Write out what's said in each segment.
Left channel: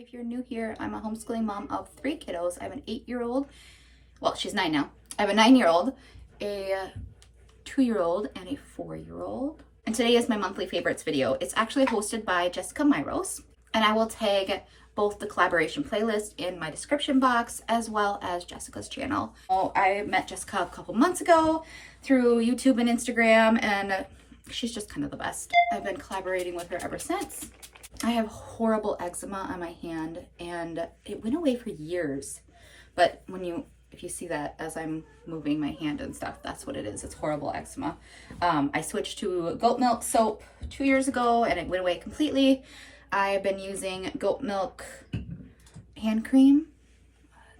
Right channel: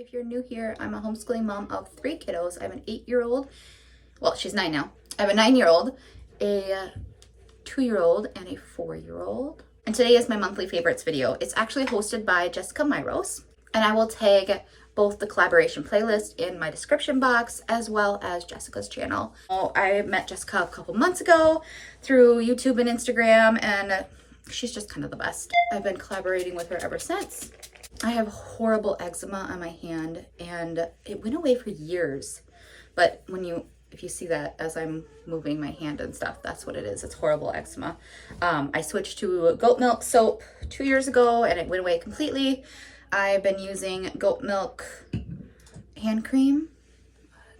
If you're new here, I'm a homeschooling mom of 3 kiddos. I have an 8-year-old, well, she's 9 now. I have a 9-year-old, a 2-year-old, and a 4-year-old. And today is my monthly favorites video. It's actually hosted by Jessica Myros, and I will tag both the collaboration playlist in my description box as well as Jessica's channel. I met Jessica a couple months ago through YouTube and Instagram, and she's just kind of the best. I've been collaborating with her ever since. I have horrible eczema on my hand, and it went away for years. But if you see that as I'm moving my hand and stuff, that's what it is. It's horrible eczema. I switched to goat milk soap 2 years ago, and it went away completely. I've been using goat milk hand cream,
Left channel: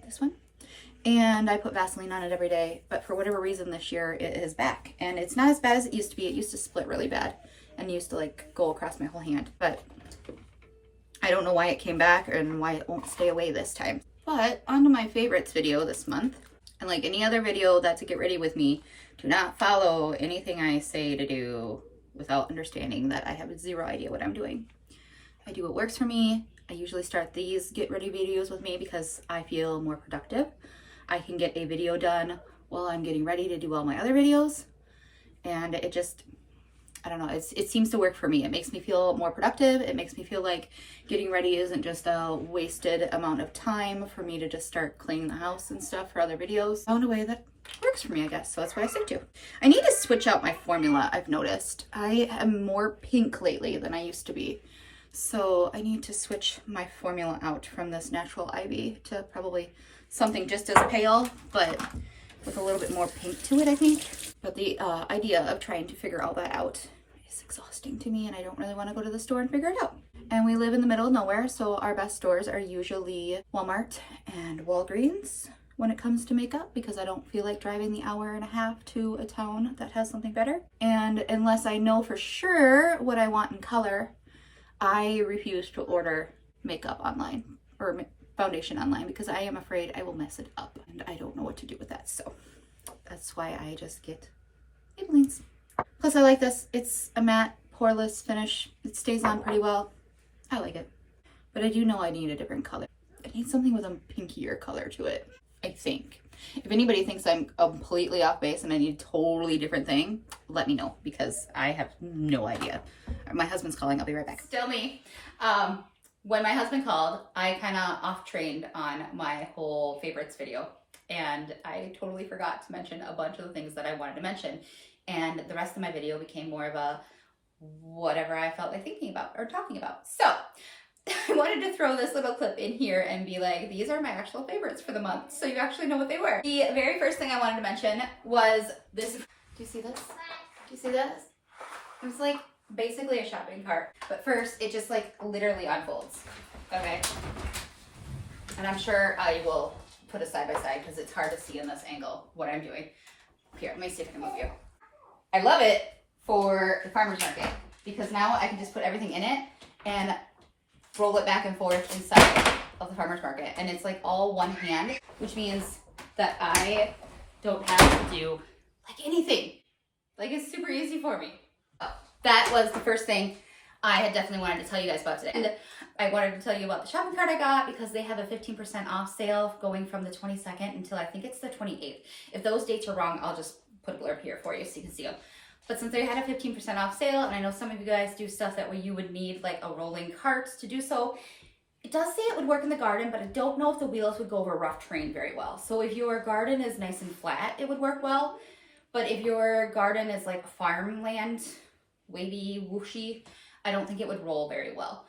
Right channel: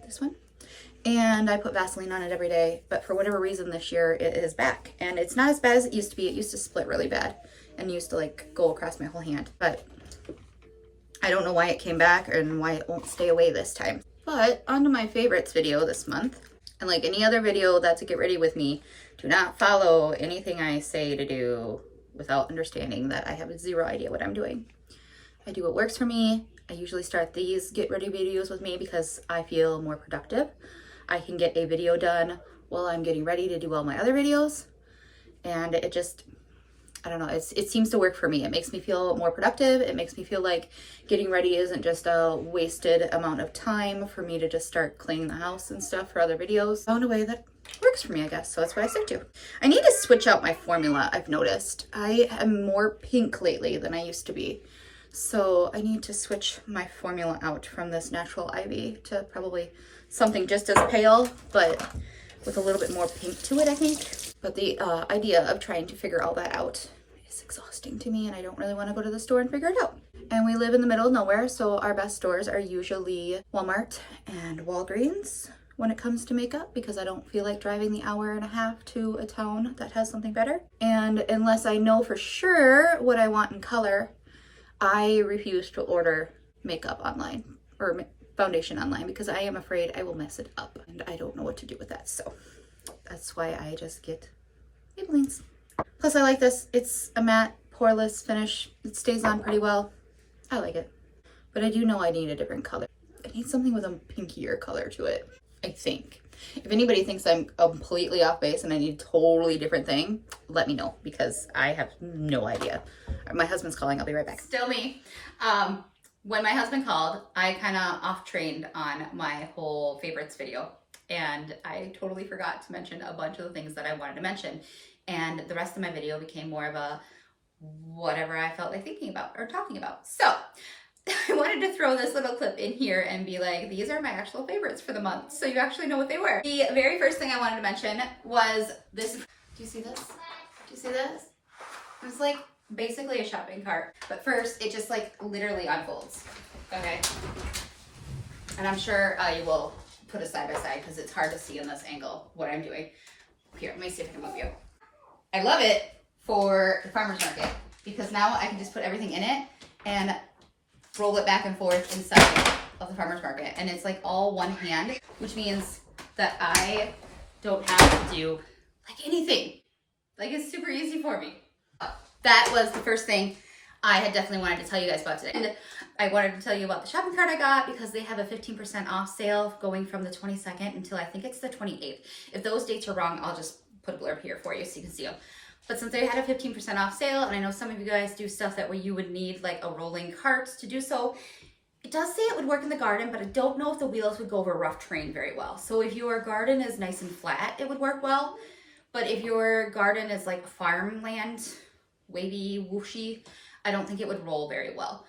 this one, and I put Vaseline on it every day. But for whatever reason this year, it is back, and it's not as bad as it used to be. It used to split really bad and used to like go across my whole hand, but I don't know why it came back and why it won't stay away this time. But on to my favorites video this month. And like any other video that's a get ready with me, do not follow anything I say to do without understanding that I have zero idea what I'm doing. I do what works for me. I usually start these get ready videos with me because I feel more productive. I can get a video done while I'm getting ready to do all my other videos. And it just, I don't know, it seems to work for me. It makes me feel more productive. It makes me feel like getting ready isn't just a wasted amount of time for me to just start cleaning the house and stuff for other videos. Found a way that works for me, I guess, so that's what I stick to. I need to switch out my formula, I've noticed. I am more pink lately than I used to be. So I need to switch my formula out from this natural ivy to probably something just as pale, but with a little bit more pink to it, I think. But the idea of trying to figure all that out is exhausting to me, and I don't really want to go to the store and figure it out. And we live in the middle of nowhere, so our best stores are usually Walmart and Walgreens when it comes to makeup, because I don't feel like driving the hour and a half to a town that has something better. And unless I know for sure what I want in color, I refuse to order makeup online or foundation online because I am afraid I will mess it up, and I don't know what to do with that. So that's why I just get Maybellines. Plus I like this. It's a matte poreless finish. It stays on pretty well. I like it. But I do know I need a different color. I need something with a pinkier color to it, I think. If anybody thinks I'm completely off base and I need a totally different thing, let me know because I have no idea. My husband's calling. I'll be right back. Still me. When my husband called, I kind of off-trained on my whole favorites video, and I totally forgot to mention a bunch of the things that I wanted to mention, and the rest of my video became more of a whatever I felt like thinking about or talking about. So I wanted to throw this little clip in here and be like, these are my actual favorites for the month, so you actually know what they were. The very first thing I wanted to mention was this. Do you see this? Do you see this? It was like basically a shopping cart, but first it just like literally unfolds. Okay, and I'm sure I will put a side by side because it's hard to see in this angle what I'm doing. Here, let me see if I can move you. I love it for the farmer's market because now I can just put everything in it and roll it back and forth inside of the farmer's market, and it's like all one hand, which means that I don't have to do like anything. Like, it's super easy for me. That was the first thing I had definitely wanted to tell you guys about today. And I wanted to tell you about the shopping cart I got because they have a 15% off sale going from the 22nd until I think it's the 28th. If those dates are wrong, I'll just put a blurb here for you so you can see them. But since they had a 15% off sale, and I know some of you guys do stuff that way you would need like a rolling cart to do so, it does say it would work in the garden, but I don't know if the wheels would go over rough terrain very well. So if your garden is nice and flat, it would work well. But if your garden is like farmland, wavy, whooshy, I don't think it would roll very well.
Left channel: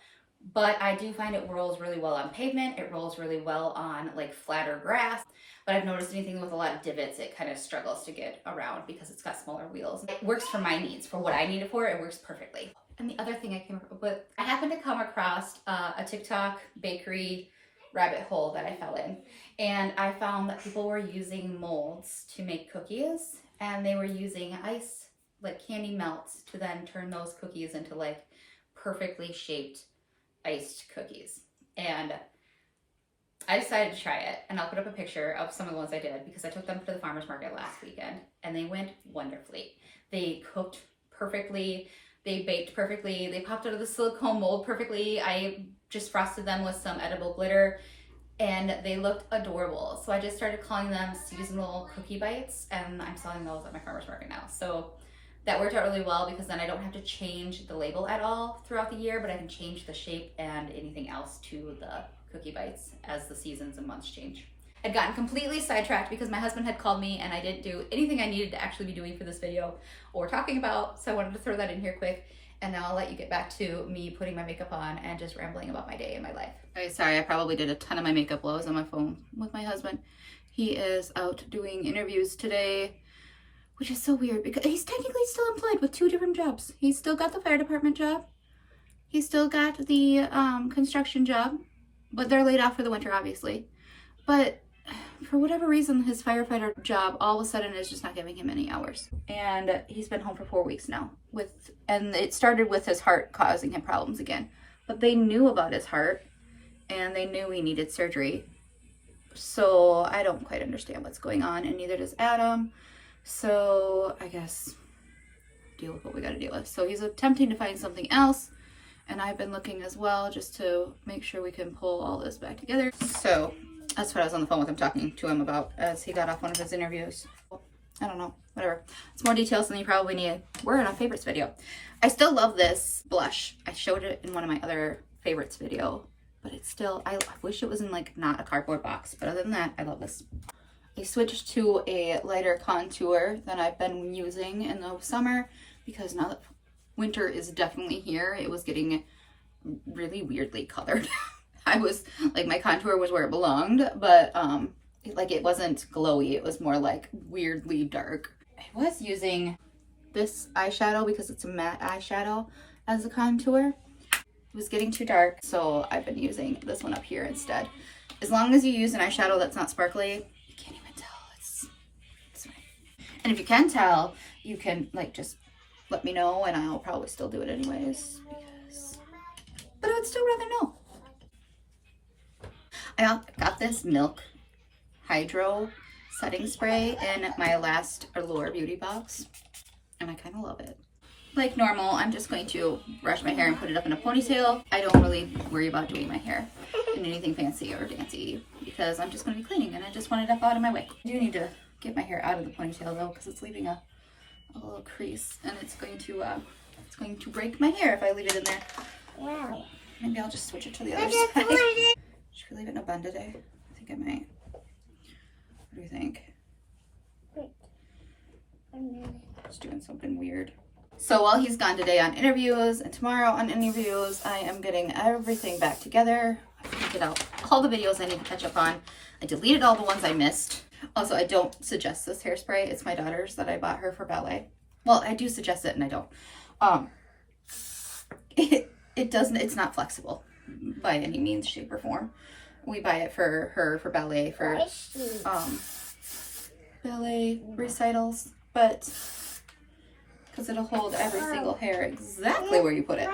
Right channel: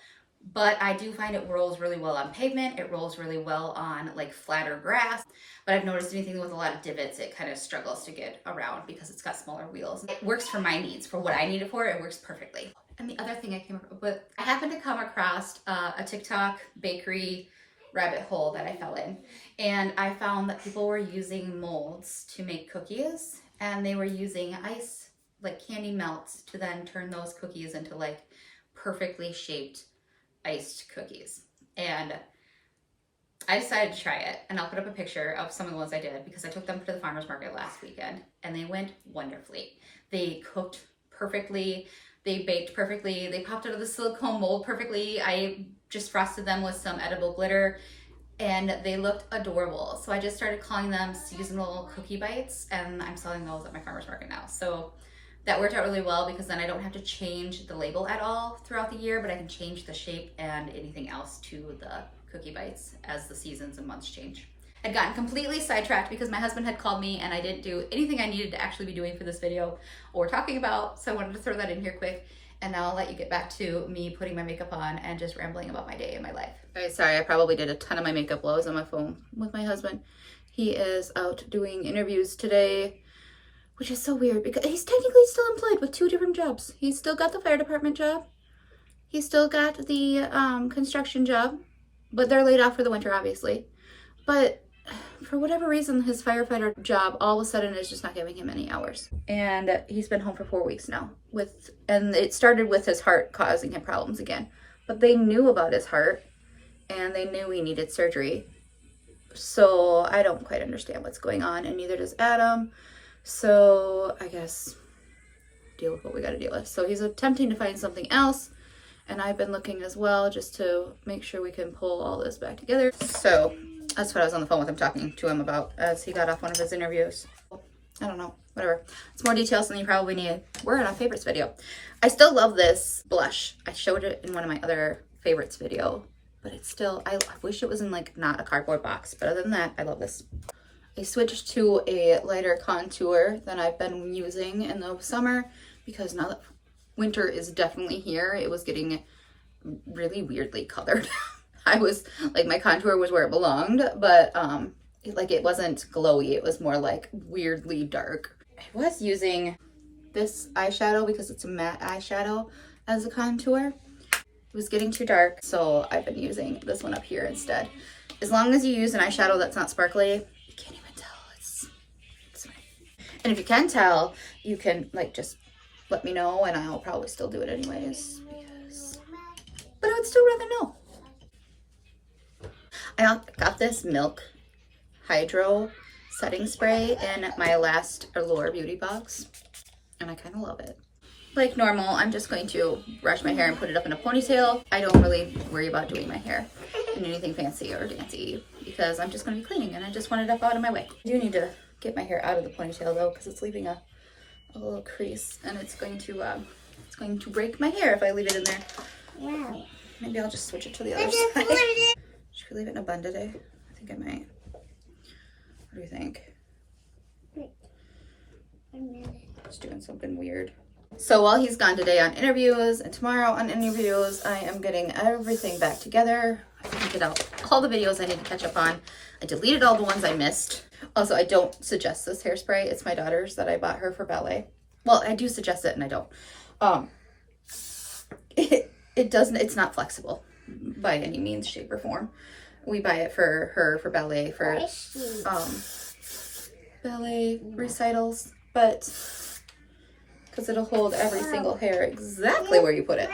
But I do find it rolls really well on pavement. It rolls really well on like flatter grass. But I've noticed anything with a lot of divots, it kind of struggles to get around because it's got smaller wheels. It works for my needs. For what I need it for, it works perfectly. And the other thing I came up with, I happened to come across a TikTok bakery rabbit hole that I fell in. And I found that people were using molds to make cookies, and they were using ice, like candy melts, to then turn those cookies into like perfectly shaped iced cookies. And I decided to try it, and I'll put up a picture of some of the ones I did because I took them to the farmer's market last weekend and they went wonderfully. They cooked perfectly. They baked perfectly. They popped out of the silicone mold perfectly. I just frosted them with some edible glitter and they looked adorable. So I just started calling them seasonal cookie bites, and I'm selling those at my farmer's market now. So that worked out really well because then I don't have to change the label at all throughout the year, but I can change the shape and anything else to the cookie bites as the seasons and months change. I'd gotten completely sidetracked because my husband had called me and I didn't do anything I needed to actually be doing for this video or talking about, so I wanted to throw that in here quick. And now I'll let you get back to me putting my makeup on and just rambling about my day and my life. Okay, sorry, I probably did a ton of my makeup while I was on my phone with my husband. He is out doing interviews today, which is so weird because he's technically still employed with 2 different jobs. He's still got the fire department job. He's still got the construction job, but they're laid off for the winter, obviously. But for whatever reason, his firefighter job all of a sudden is just not giving him any hours. And he's been home for 4 weeks now. And it started with his heart causing him problems again. But they knew about his heart and they knew he needed surgery. So I don't quite understand what's going on, and neither does Adam. So I guess deal with what we gotta deal with. So he's attempting to find something else. And I've been looking as well just to make sure we can pull all this back together. So that's what I was on the phone with him talking to him about as he got off one of his interviews. I don't know, whatever. It's more details than you probably need. We're in our favorites video. I still love this blush. I showed it in one of my other favorites video, but it's still, I wish it was in like not a cardboard box, but other than that, I love this. I switched to a lighter contour than I've been using in the summer because now that winter is definitely here, it was getting really weirdly colored. I was like, my contour was where it belonged, but it wasn't glowy. It was more like weirdly dark. I was using this eyeshadow because it's a matte eyeshadow as a contour. It was getting too dark, so I've been using this one up here instead. As long as you use an eyeshadow that's not sparkly, you can't even tell. It's fine. And if you can tell, you can like just let me know, and I'll probably still do it anyways but I would still rather know. I got this Milk Hydro setting spray in my last Allure beauty box, and I kind of love it. Like normal, I'm just going to brush my hair and put it up in a ponytail. I don't really worry about doing my hair in anything fancy or dancy because I'm just going to be cleaning and I just want it up out of my way. I do need to get my hair out of the ponytail though because it's leaving a little crease, and it's going to break my hair if I leave it in there. Wow. Maybe I'll just switch it to the other side. Should we leave it in a bun today? I think I might. What do you think? Just doing something weird. So while he's gone today on interviews and tomorrow on interviews, I am getting everything back together. I printed out all the videos I need to catch up on. I deleted all the ones I missed. Also, I don't suggest this hairspray. It's my daughter's that I bought her for ballet. Well, I do suggest it and I don't. It's not flexible by any means, shape, or form. We buy it for her for ballet, for ballet recitals, but because it'll hold every single hair exactly where you put it.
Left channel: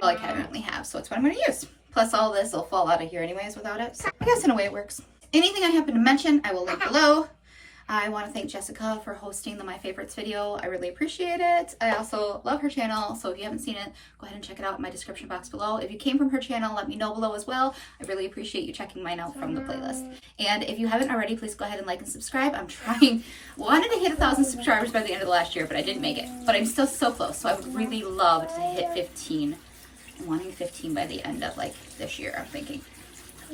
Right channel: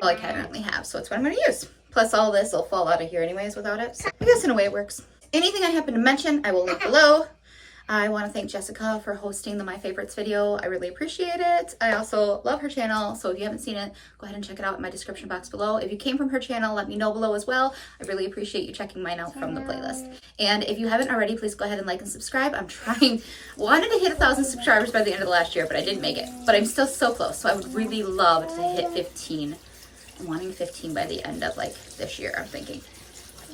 Well, I currently have, so it's what I'm going to use. Plus all this will fall out of here anyways without it. So I guess in a way it works. Anything I happen to mention, I will link below. I want to thank Jessica for hosting the My Favorites video. I really appreciate it. I also love her channel, so if you haven't seen it, go ahead and check it out in my description box below. If you came from her channel, let me know below as well. I really appreciate you checking mine out from the playlist. And if you haven't already, please go ahead and like and subscribe. I'm wanted to hit 1,000 subscribers by the end of the last year, but I didn't make it. But I'm still so close, so I would really love to hit 15. I'm wanting 15 by the end of like this year, I'm thinking.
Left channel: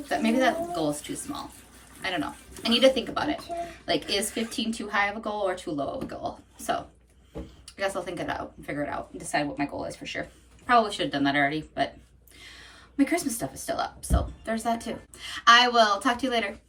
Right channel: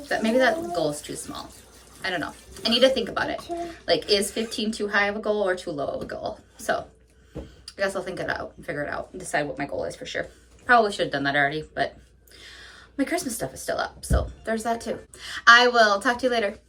But maybe that goal is too small. I don't know. I need to think about it. Like, is 15 too high of a goal or too low of a goal? So I guess I'll think it out and figure it out and decide what my goal is for sure. Probably should have done that already, but my Christmas stuff is still up. So there's that too. I will talk to you later.